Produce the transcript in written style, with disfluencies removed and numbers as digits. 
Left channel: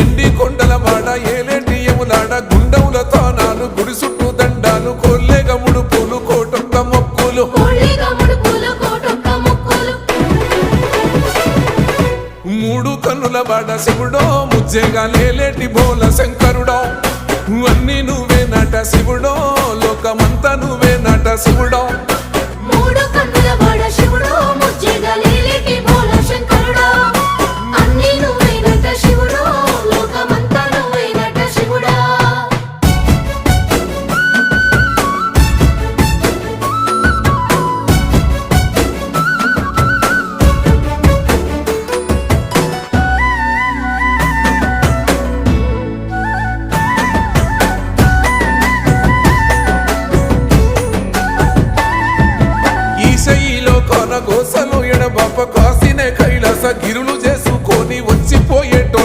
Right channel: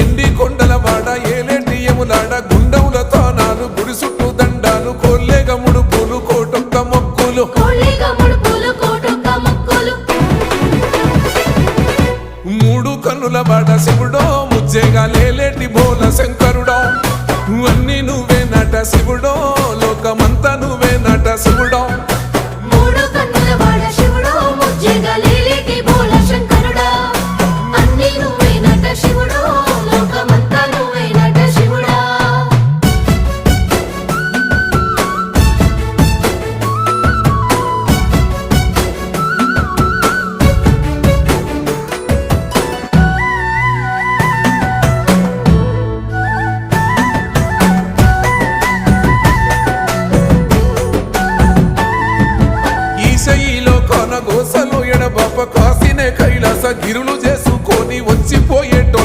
ఎండి కొండల వాడ ఏలేటి యములాడ గుండముల తానాలు గుడి చుట్టూ దండాలు కొల్లేగ ముడుపులు కోటొక్క మొక్కులు మూడు కన్నుల వాడ శివుడో ముజ్జేగా లేలేటి బోల శంకరుడో అన్ని నువ్వే నట శివుడో లోకమంతా నువ్వే నట శివుడో ఈశయిలో కొన గోసలు ఎడబాప కాసినే కైలాస గిరులు చేసుకొని వచ్చిపోయేటో